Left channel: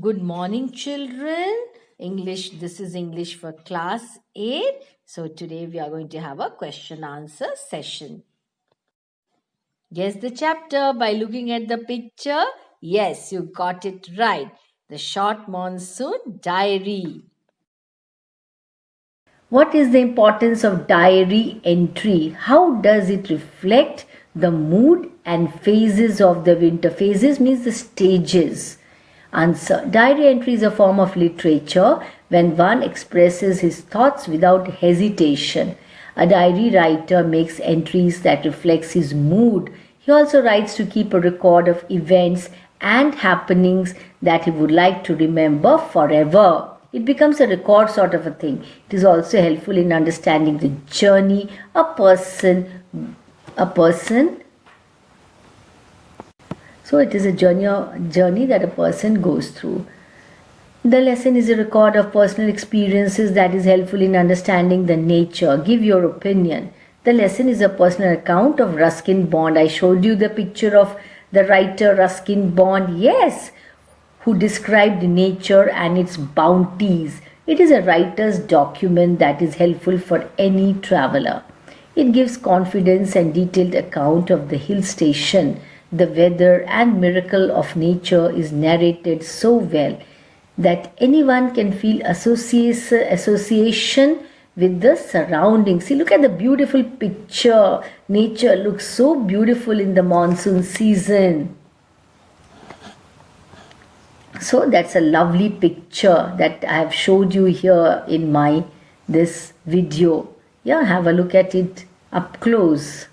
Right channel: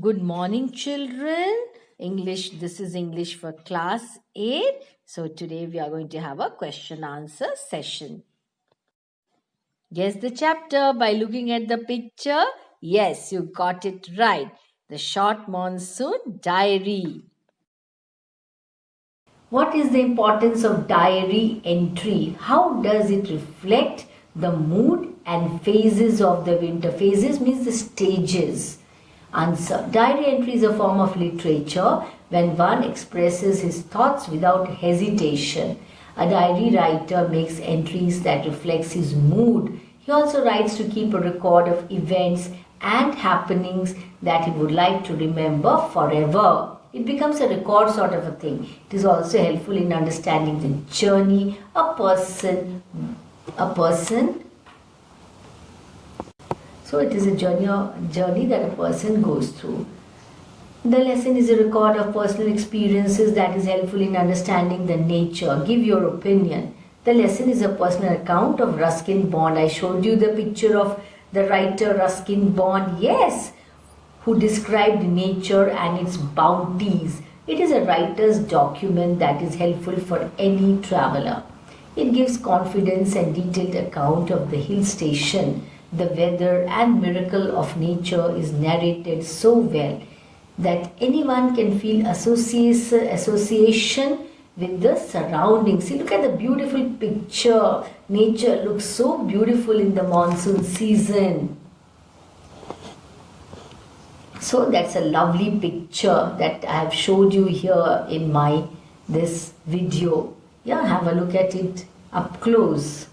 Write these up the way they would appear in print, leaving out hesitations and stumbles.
Good morning, children. This is English for class 8. So today we are going to have a question answer session. Guess the chapter by looking at the picture. Yes, you got it right. The Short Monsoon Diary. What is the importance of diary entry? How does it reflect the mood and phases of the winter? Phases means the stages. Answer. Diary entry is a form of literature when one expresses his thoughts without hesitation. A diary writer makes entries that reflects his mood. He also writes to keep a record of events and happenings that he would like to remember forever. It becomes a record sort of a thing. It is also helpful in understanding the journey a person so it is a journey that a person goes through. The lesson is a record of personal experiences that is helpful in understanding the nature. Give your opinion. The lesson is a personal account of Ruskin Bond. I showed you the picture of the writer Ruskin Bond. Yes, who described nature and its bounties. It is a writer's document that is helpful for any traveler. It gives confidence and detailed account of the hill station. The weather and miracle of nature is narrated so well that anyone can feel association with the surroundings. See, look at the beautiful picture. Nature looks so beautiful in the monsoon season. So that's a lovely picture that I have showed you here in this video. Yeah, have a look at it up close.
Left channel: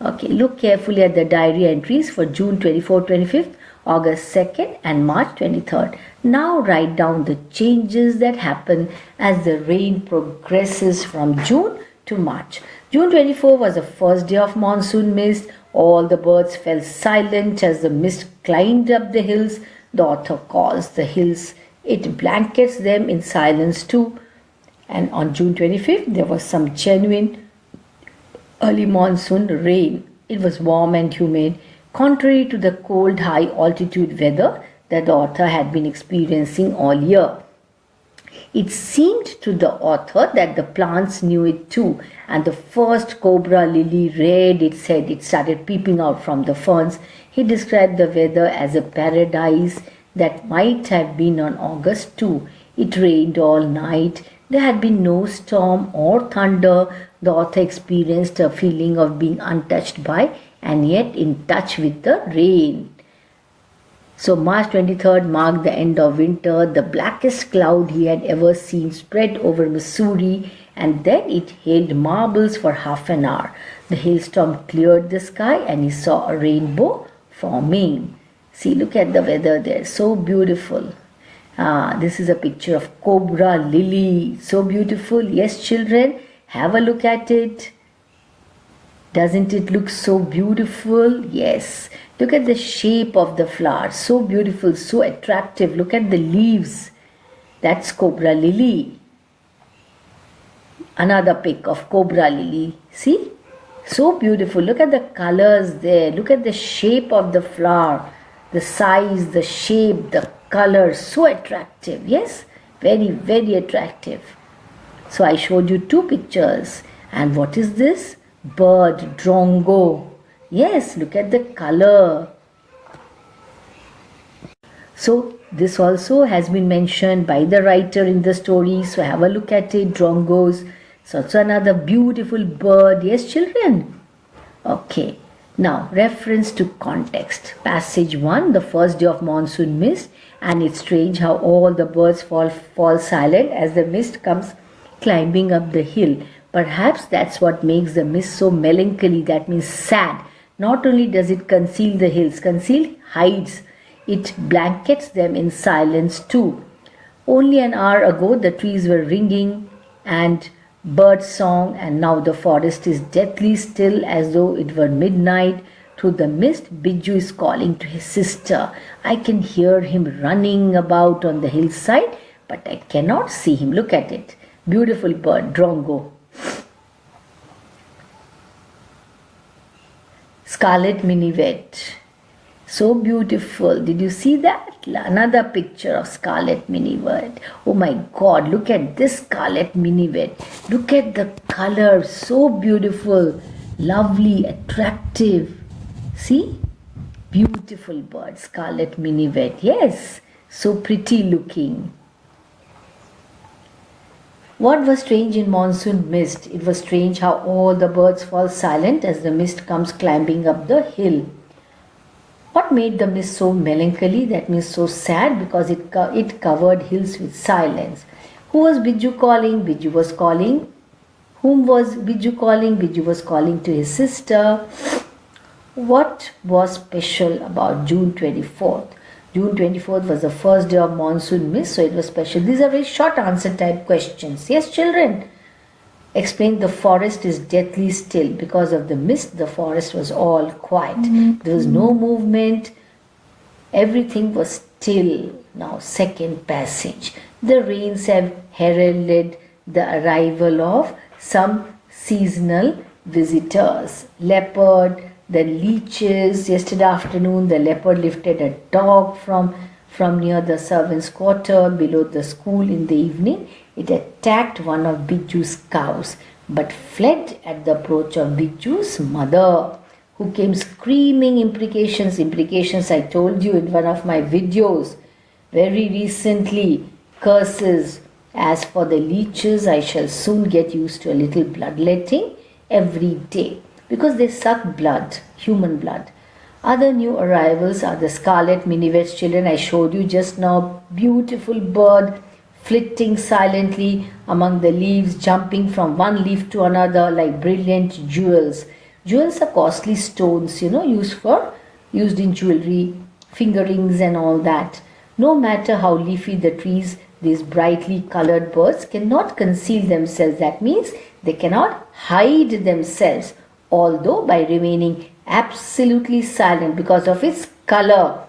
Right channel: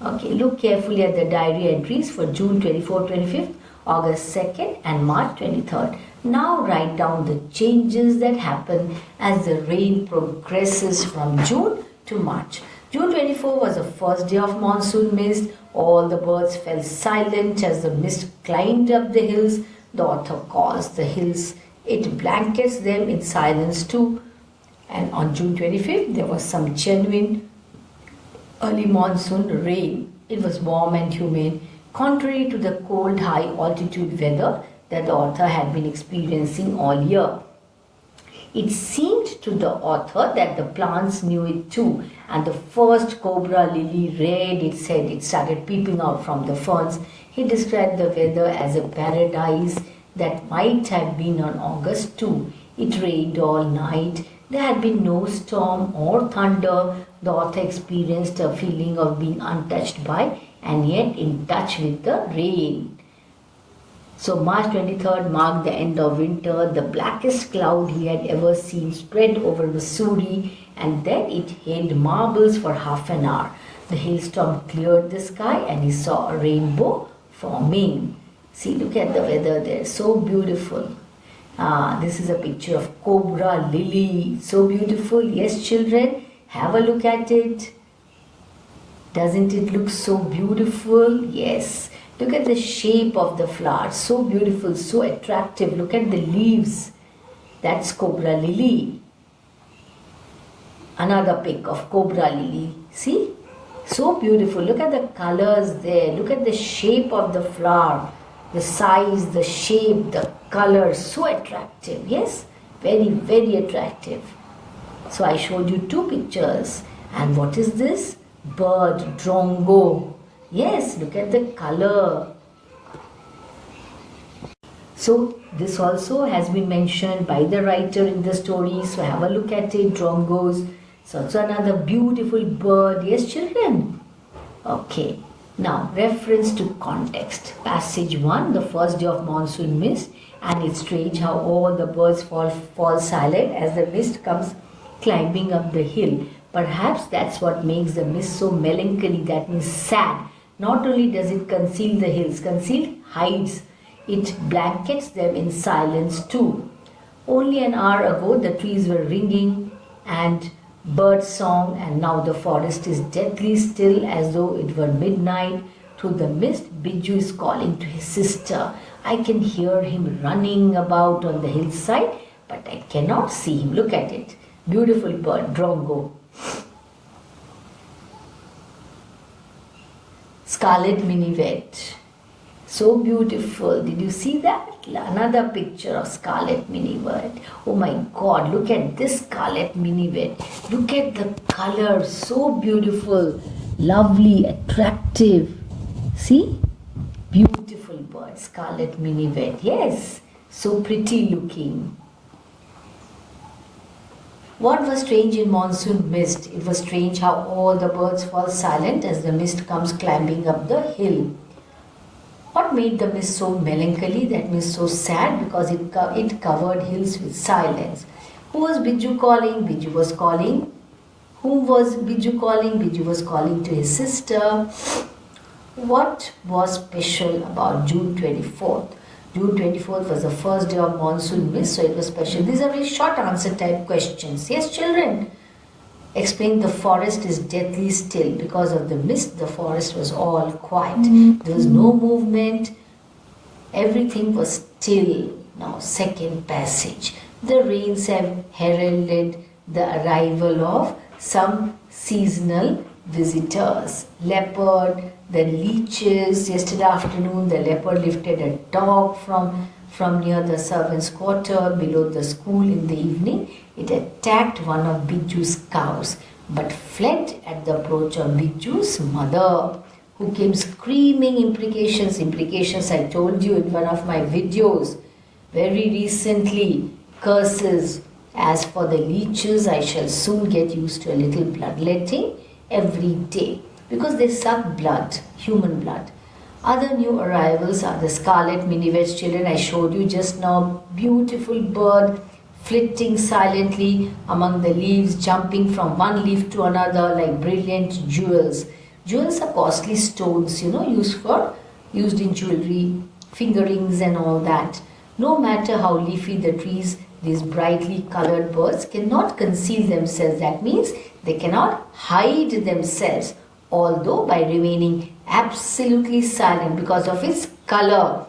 Okay, look carefully at the diary entries for June 24, 25th, August 2nd and March 23rd. Now write down the changes that happen as the rain progresses from June to March. June 24 was the first day of monsoon mist. All the birds fell silent as the mist climbed up the hills. The author calls the hills. It blankets them in silence too. And on June 25th, there was some genuine early monsoon rain. It was warm and humid, contrary to the cold high altitude weather that the author had been experiencing all year. It seemed to the author that the plants knew it too, and the first cobra lily reared its head. It started peeping out from the ferns. He described the weather as a paradise that might have been on August too. It rained all night. There had been no storm or thunder. The author experienced a feeling of being untouched by and yet in touch with the rain. So March 23rd marked the end of winter. The blackest cloud he had ever seen spread over Missouri, and then it hailed marbles for half an hour. The hailstorm cleared the sky and he saw a rainbow forming. See, look at the weather there. So beautiful. This is a picture of cobra lily. So beautiful. Yes, children, have a look at it. Doesn't it look so beautiful? Yes. Look at the shape of the flower. So beautiful, so attractive. Look at the leaves. That's cobra lily. Another pic of cobra lily. See? So beautiful. Look at the colors there. Look at the shape of the flower. The size, the shape, the color. So attractive. Yes? Very, very attractive. So I showed you two pictures. And what is this? Bird, drongo. Yes, look at the color. So this also has been mentioned by the writer in the story. So have a look at it, drongos. So it's another beautiful bird. Yes, children? Okay. Now, reference to context. Passage 1, the first day of monsoon mist. And it's strange how all the birds fall silent as the mist comes climbing up the hill. Perhaps that's what makes the mist so melancholy, that means sad. Not only does it conceal the hills, hides, it blankets them in silence too. Only an hour ago the trees were ringing and bird song, and now the forest is deathly still as though it were midnight. Through the mist, Biju is calling to his sister. I can hear him running about on the hillside, but I cannot see him. Look at it. Beautiful bird, drongo. Scarlet minivet. So beautiful. Did you see that? Another picture of scarlet minivet. Oh my God, look at this scarlet minivet. Look at the color. So beautiful, lovely, attractive. See? Beautiful bird, scarlet minivet. Yes, so pretty looking. What was strange in monsoon mist? It was strange how all the birds fall silent as the mist comes climbing up the hill. What made the mist so melancholy? That means so sad, because it covered hills with silence. Who was Biju calling? Biju was calling. Whom was Biju calling? Biju was calling to his sister. What was special about June 24th? June 24th was the first day of monsoon mist, so it was special. These are very short answer type questions. Yes, children? Explain. The forest is deathly still. Because of the mist, the forest was all quiet. There was no movement. Everything was still. Now, second passage. The rains have heralded the arrival of some seasonal visitors. Leopard, the leeches. Yesterday afternoon, the leopard lifted a dog from near the servants' quarter below the school. In the evening, it attacked one of Biju's cows, but fled at the approach of Biju's mother, who came screaming imprecations. Imprecations, I told you in one of my videos very recently. Curses. As for the leeches, I shall soon get used to a little bloodletting every day, because they suck blood, human blood. Other new arrivals are the scarlet minivets, children. I showed you just now. Beautiful bird, flitting silently among the leaves, jumping from one leaf to another like brilliant jewels. Jewels are costly stones, used in jewelry, finger rings and all that. No matter how leafy the trees, these brightly colored birds cannot conceal themselves. That means they cannot hide themselves, although by remaining absolutely silent because of its color,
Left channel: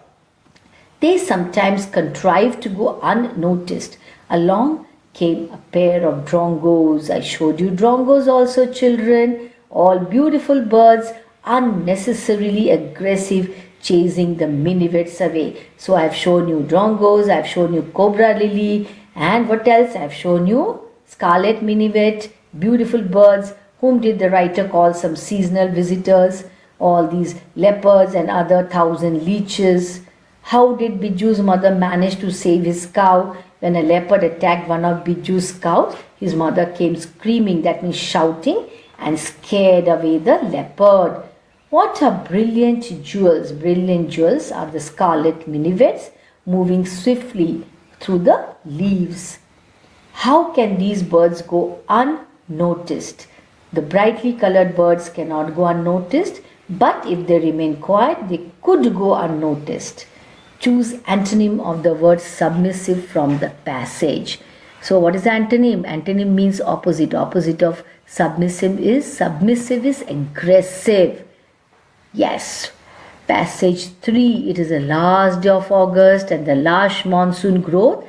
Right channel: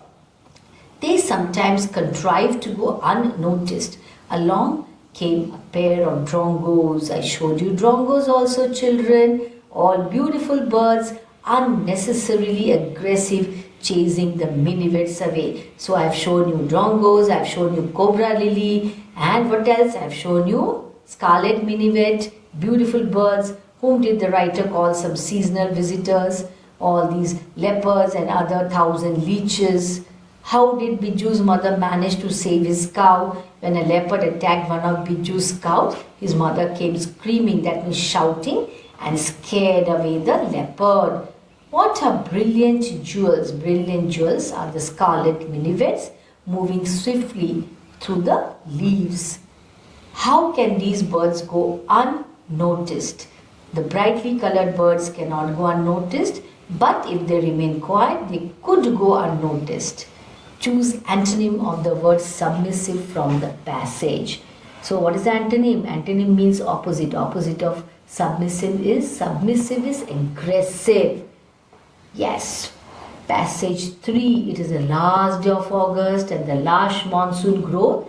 they sometimes contrive to go unnoticed. Along came a pair of drongos. I showed you drongos also, children. All beautiful birds, unnecessarily aggressive, chasing the minivets away. So I've shown you drongos, I've shown you cobra lily, and what else? I've shown you scarlet minivet, beautiful birds. Whom did the writer call some seasonal visitors? All these leopards and other 1,000 leeches. How did Biju's mother manage to save his cow? When a leopard attacked one of Biju's cows, his mother came screaming, that means shouting, and scared away the leopard. What are brilliant jewels? Brilliant jewels are the scarlet minivets moving swiftly through the leaves. How can these birds go unnoticed? The brightly colored birds cannot go unnoticed, but if they remain quiet, they could go unnoticed. Choose antonym of the word submissive from the passage. So what is the antonym? Antonym means opposite. Opposite of submissive is aggressive. Yes. Passage 3. It is the last day of August and the lush monsoon growth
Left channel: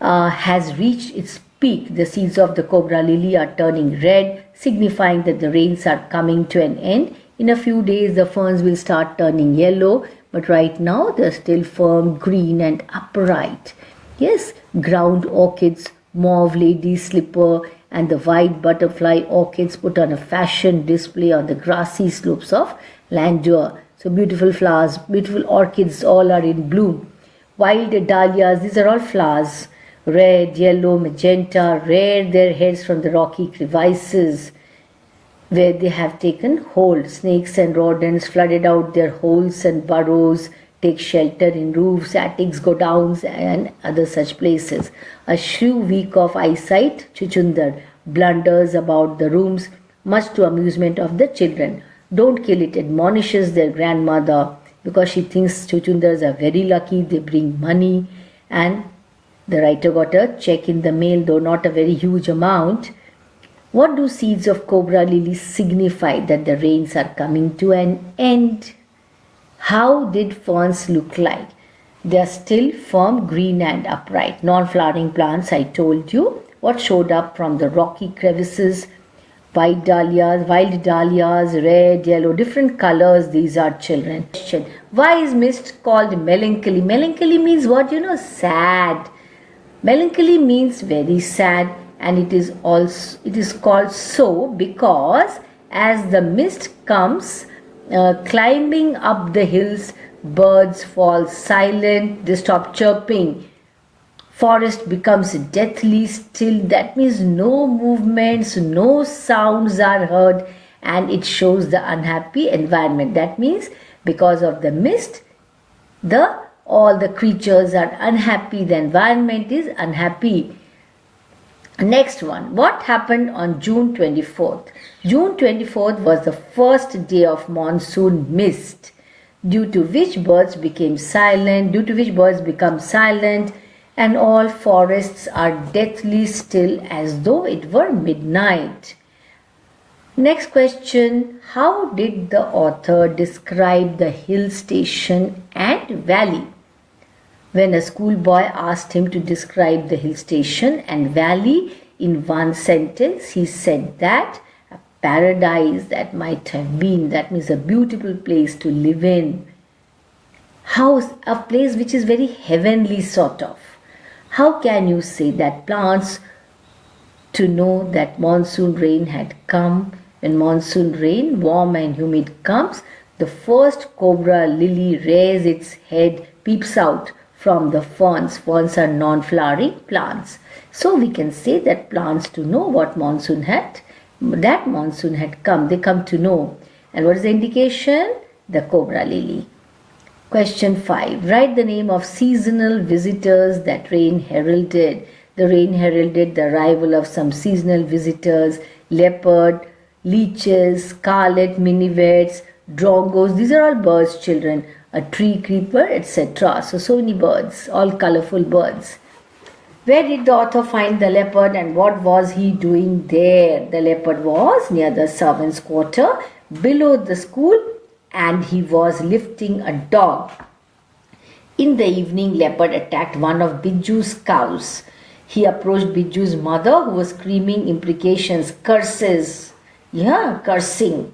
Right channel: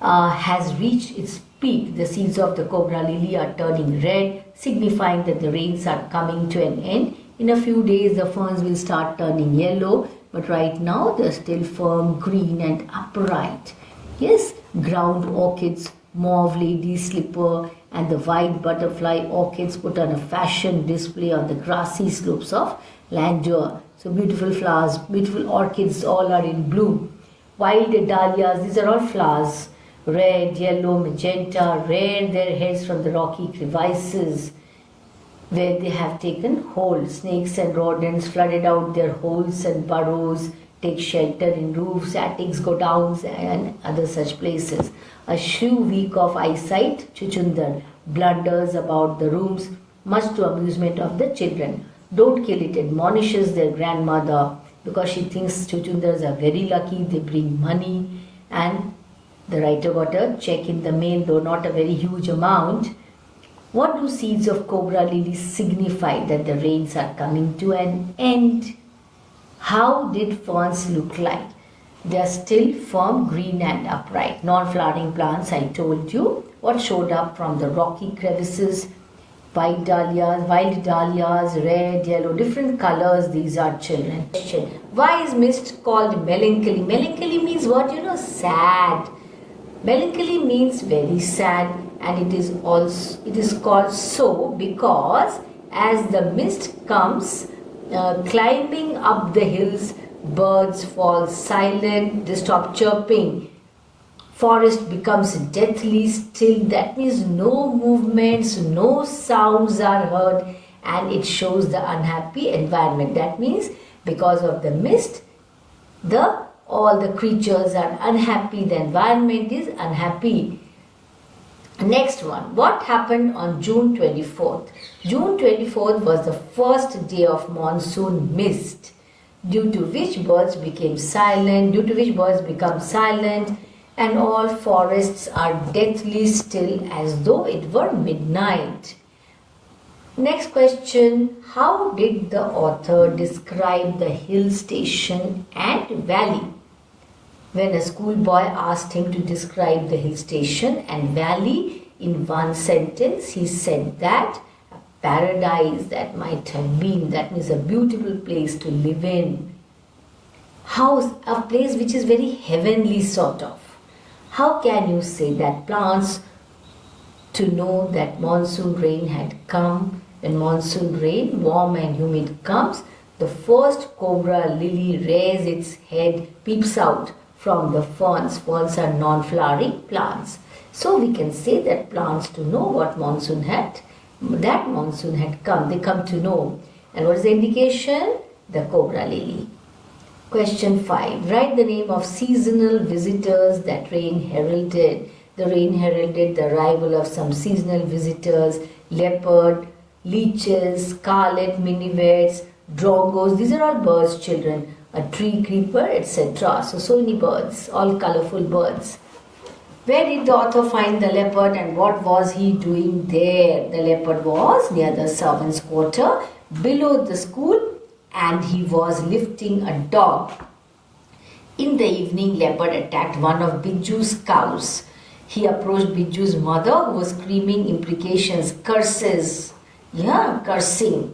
has reached its peak. The seeds of the cobra lily are turning red, signifying that the rains are coming to an end. In a few days, the ferns will start turning yellow, but right now they are still firm, green and upright. Yes, ground orchids, mauve lady's slipper and the white butterfly orchids put on a fashion display on the grassy slopes of Landour. So beautiful flowers, beautiful orchids, all are in bloom. Wild dahlias, these are all flowers. Red, yellow, magenta, rear their heads from the rocky crevices where they have taken hold. Snakes and rodents flooded out their holes and burrows, take shelter in roofs, attics, godowns, and other such places. A shrew weak of eyesight, Chuchundar, blunders about the rooms, much to amusement of the children. Don't kill it, admonishes their grandmother, because she thinks Chuchundars are very lucky, they bring money, and the writer got a check in the mail, though not a very huge amount. What do seeds of cobra lily signify? That the rains are coming to an end. How did ferns look like? They are still firm, green and upright. Non-flowering plants, I told you. What showed up from the rocky crevices? White dahlias, wild dahlias, red, yellow, different colors. These are children. Why is mist called melancholy? Melancholy means what? Sad. Melancholy means very sad, and it is called so because as the mist comes climbing up the hills, birds fall silent, they stop chirping. Forest becomes deathly still. That means no movements, no sounds are heard, and it shows the unhappy environment. That means because of the mist, all the creatures are unhappy, the environment is unhappy. Next one, what happened on June 24th? June 24th was the first day of monsoon mist, due to which birds become silent, and all forests are deathly still as though it were midnight. Next question, how did the author describe the hill station and valley? When a schoolboy asked him to describe the hill station and valley in one sentence, he said that a paradise that might have been, that means a beautiful place to live in. House, a place which is very heavenly sort of. How can you say that plants to know that monsoon rain had come? When monsoon rain, warm and humid comes, the first cobra lily rears its head, peeps out from the ferns. Ferns are non-flowering plants. So we can say that plants to know what monsoon had come. They come to know. And what is the indication? The cobra lily. Question 5. Write the name of seasonal visitors that rain heralded. The rain heralded the arrival of some seasonal visitors, leopard, leeches, scarlet minivets, drongos. These are all birds, children. A tree creeper, etc. So many birds, all colorful birds. Where did the author find the leopard and what was he doing there? The leopard was near the servants' quarter below the school, and he was lifting a dog. In the evening, leopard attacked one of Biju's cows. He approached Biju's mother, who was screaming imprecations, curses. Cursing.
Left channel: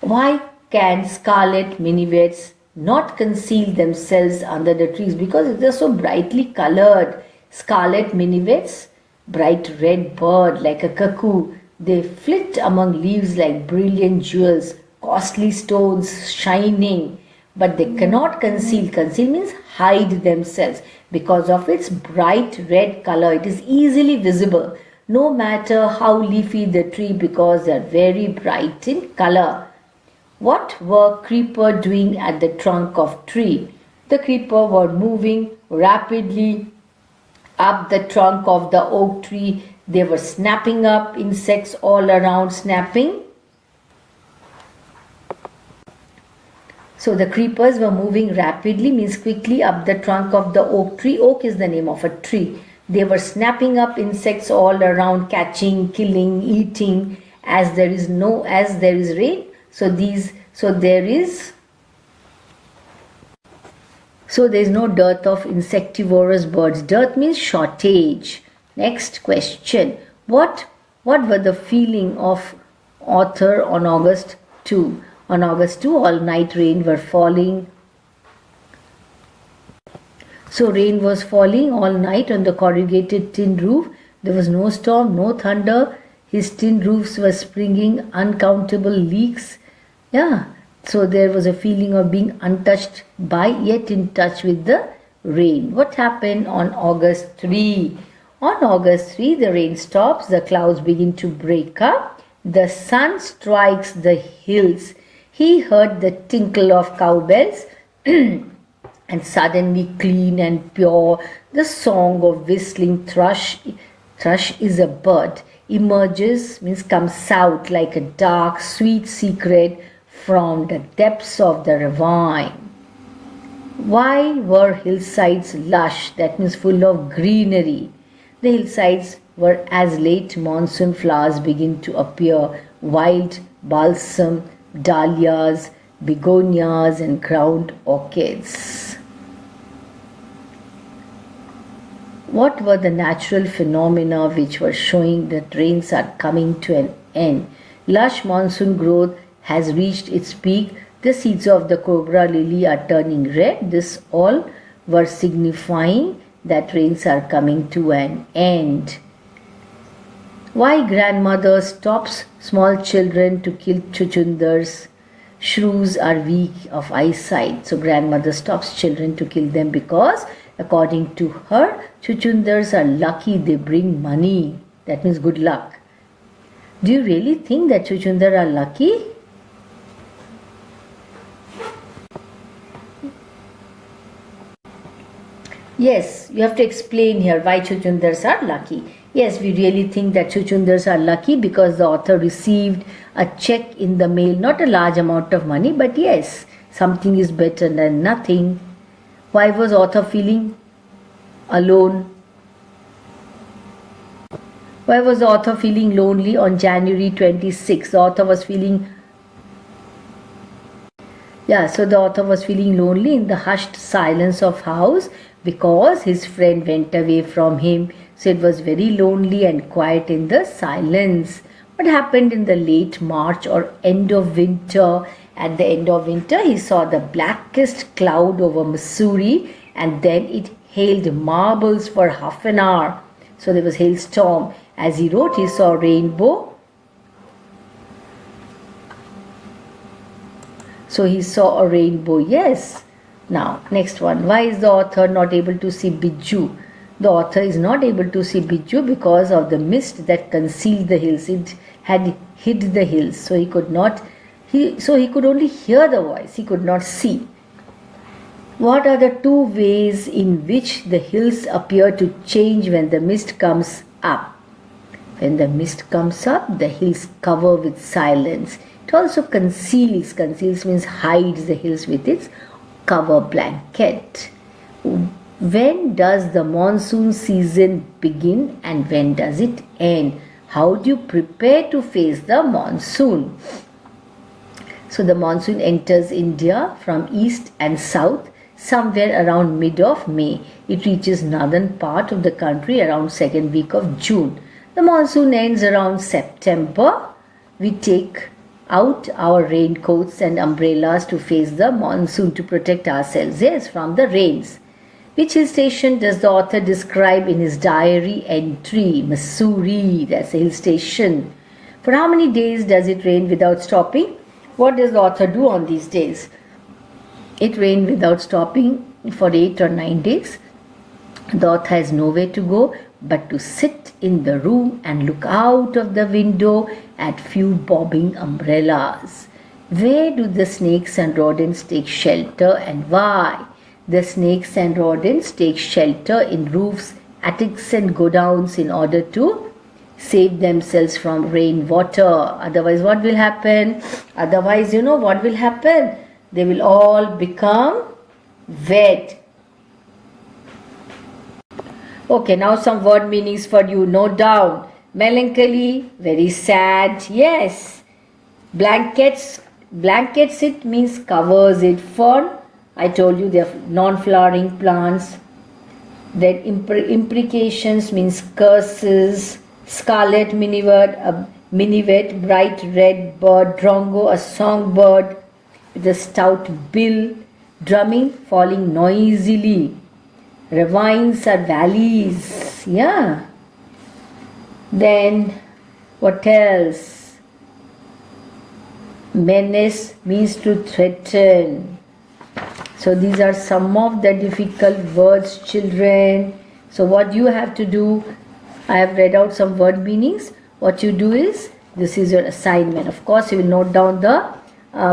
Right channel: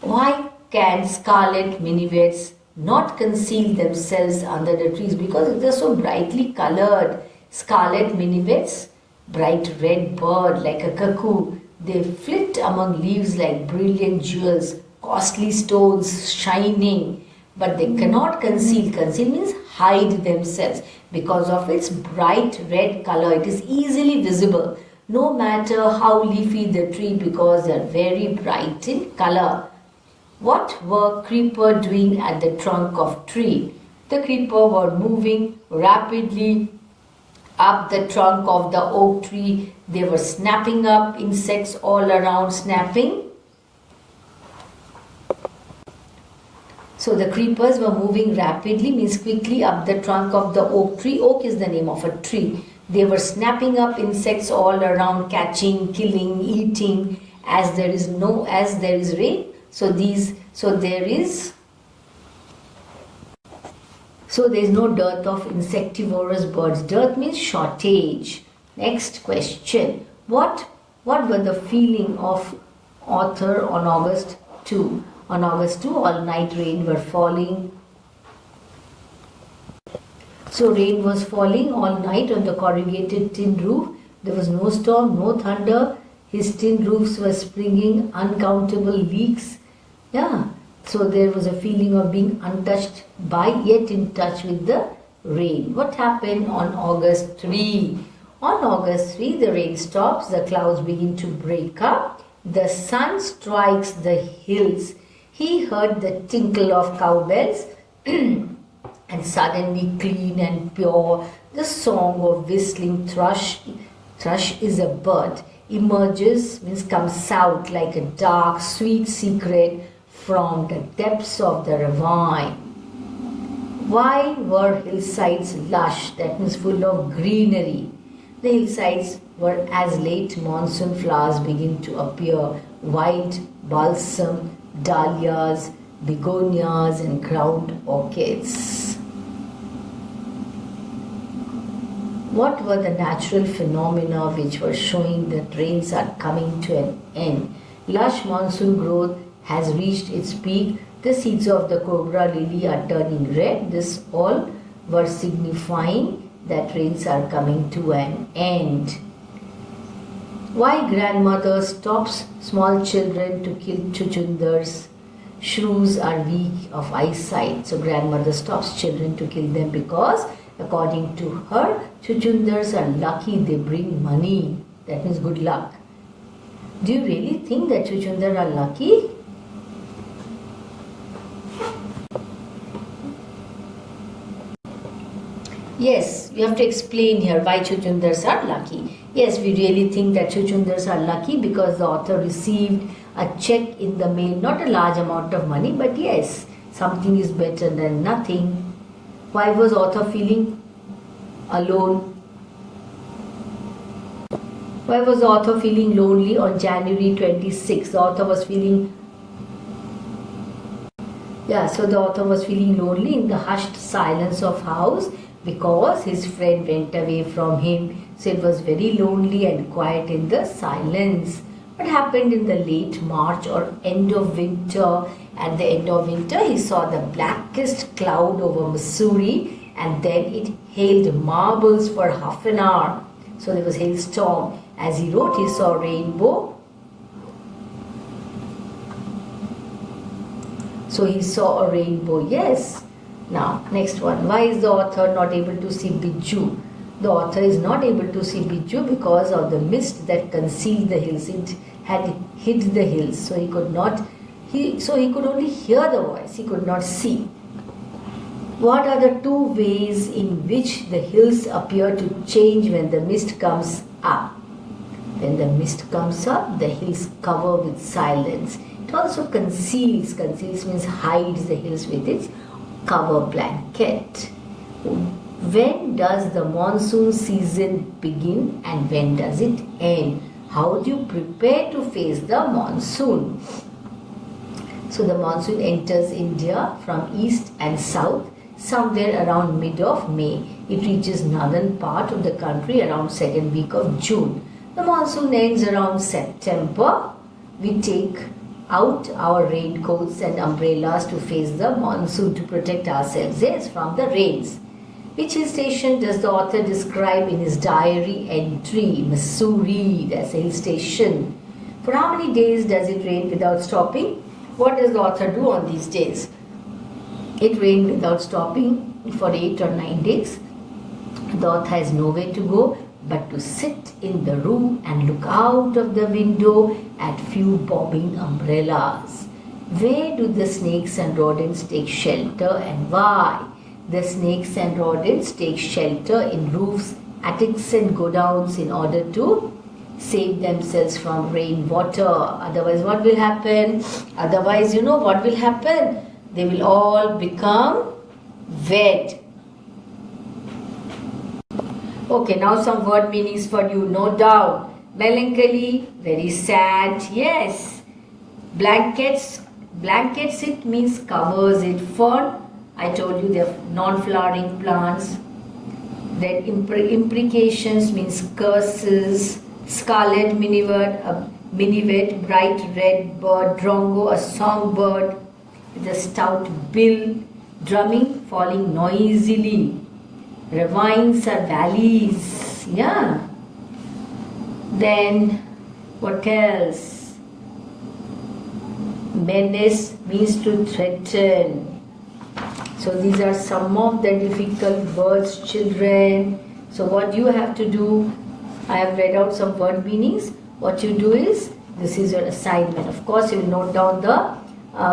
Why can scarlet minivets not conceal themselves under the trees? Because they are so brightly colored. Scarlet minivets, bright red bird like a cuckoo. They flit among leaves like brilliant jewels, costly stones shining. But they cannot conceal. Conceal means hide themselves. Because of its bright red color, it is easily visible. No matter how leafy the tree, because they are very bright in color. What were creeper doing at the trunk of tree? The creeper were moving rapidly up the trunk of the oak tree. They were snapping up insects all around, snapping. So the creepers were moving rapidly, means quickly, up the trunk of the oak tree. Oak is the name of a tree. They were snapping up insects all around, catching, killing, eating. As there is rain, so there is no dearth of insectivorous birds. Dearth means shortage. Next question. What were the feeling of author on August 2? On August 2, all night rain were falling. So rain was falling all night on the corrugated tin roof. There was no storm, no thunder. His tin roofs were springing uncountable leaks. So there was a feeling of being untouched by, yet in touch with the rain. What happened on August 3? On August 3, the rain stops, the clouds begin to break up, the sun strikes the hills. He heard the tinkle of cowbells and suddenly clean and pure, the song of whistling thrush. Thrush is a bird. Emerges, means comes out like a dark, sweet secret from the depths of the ravine. Why were hillsides lush? That means full of greenery. The hillsides were as late monsoon flowers begin to appear. Wild balsam, dahlias, begonias and ground orchids. What were the natural phenomena which were showing that rains are coming to an end? Lush monsoon growth has reached its peak. The seeds of the cobra lily are turning red. This all were signifying that rains are coming to an end. Why grandmother stops small children to kill chuchundars? Shrews are weak of eyesight. So grandmother stops children to kill them because according to her, chuchundars are lucky, they bring money. That means good luck. Do you really think that chuchundar are lucky? Yes, you have to explain here why chuchundars are lucky. Yes, we really think that chuchundars are lucky because the author received a check in the mail, not a large amount of money, but yes, something is better than nothing. Why was author feeling alone? Why was the author feeling lonely on January 26th? The author was feeling the author was feeling lonely in the hushed silence of house because his friend went away from him. So it was very lonely and quiet in the silence. What happened in the late March or end of winter? At the end of winter, he saw the blackest cloud over Missouri, and then it hailed marbles for half an hour. So there was hailstorm. As he wrote, he saw rainbow. So he saw a rainbow, yes. Now, next one. Why is the author not able to see Biju? The author is not able to see Biju because of the mist that concealed the hills. It had hid the hills, so he could only hear the voice. He could not see. What are the two ways in which the hills appear to change when the mist comes up? When the mist comes up, the hills cover with silence. It also conceals means hides the hills with its cover blanket. When does the monsoon season begin and when does it end? How do you prepare to face the monsoon? So the monsoon enters India from east and south somewhere around mid of May. It reaches northern part of the country around second week of June. The monsoon ends around September. We take out our raincoats and umbrellas to face the monsoon to protect ourselves from the rains. Which hill station does the author describe in his diary entry? Missouri, that's a hill station. For how many days does it rain without stopping? What does the author do on these days? It rained without stopping for 8 or 9 days. The author has nowhere to go but to sit in the room and look out of the window at few bobbing umbrellas. Where do the snakes and rodents take shelter and why? The snakes and rodents take shelter in roofs, attics and godowns in order to save themselves from rainwater. Otherwise, what will happen? Otherwise, what will happen? They will all become wet. Okay, now some word meanings for you. No doubt. Melancholy, very sad. Yes. Blankets, it means covers it. Fern, I told you they're non-flowering plants. Then imprecations means curses. Scarlet minivet, bright red bird. Drongo, a songbird with a stout bill. Drumming, falling noisily. Ravines are valleys. Yeah. Then what else? Menace means to threaten. So these are some of the difficult words, children. So what you have to do, I have read out some word meanings. What you do is, this is your assignment. Of course, you will note down the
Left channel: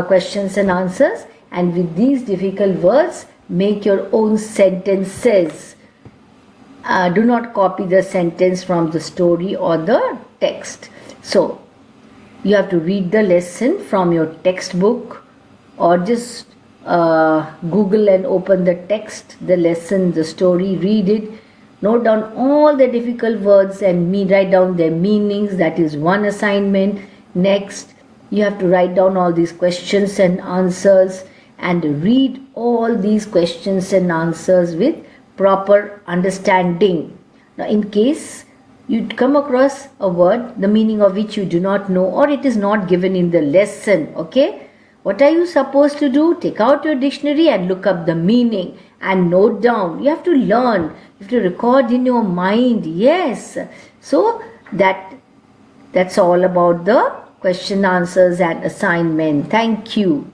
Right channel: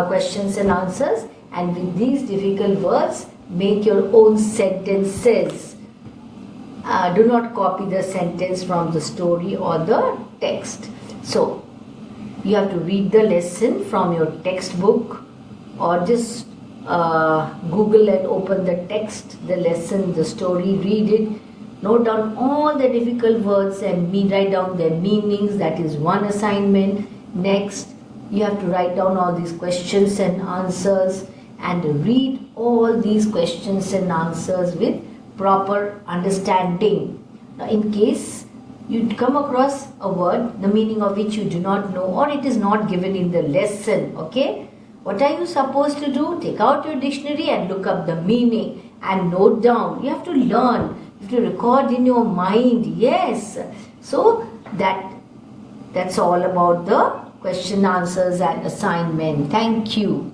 questions and answers, and with these difficult words, make your own sentences. Do not copy the sentence from the story or the text. So, you have to read the lesson from your textbook or just Google and open the text, the lesson, the story, read it. Note down all the difficult words and write down their meanings. That is one assignment. Next, you have to write down all these questions and answers and read all these questions and answers with proper understanding. Now, in case you come across a word, the meaning of which you do not know or it is not given in the lesson, okay? What are you supposed to do? Take out your dictionary and look up the meaning and note down. You have to learn. You have to record in your mind. Yes. So that's all about the question answers and assignment. Thank you.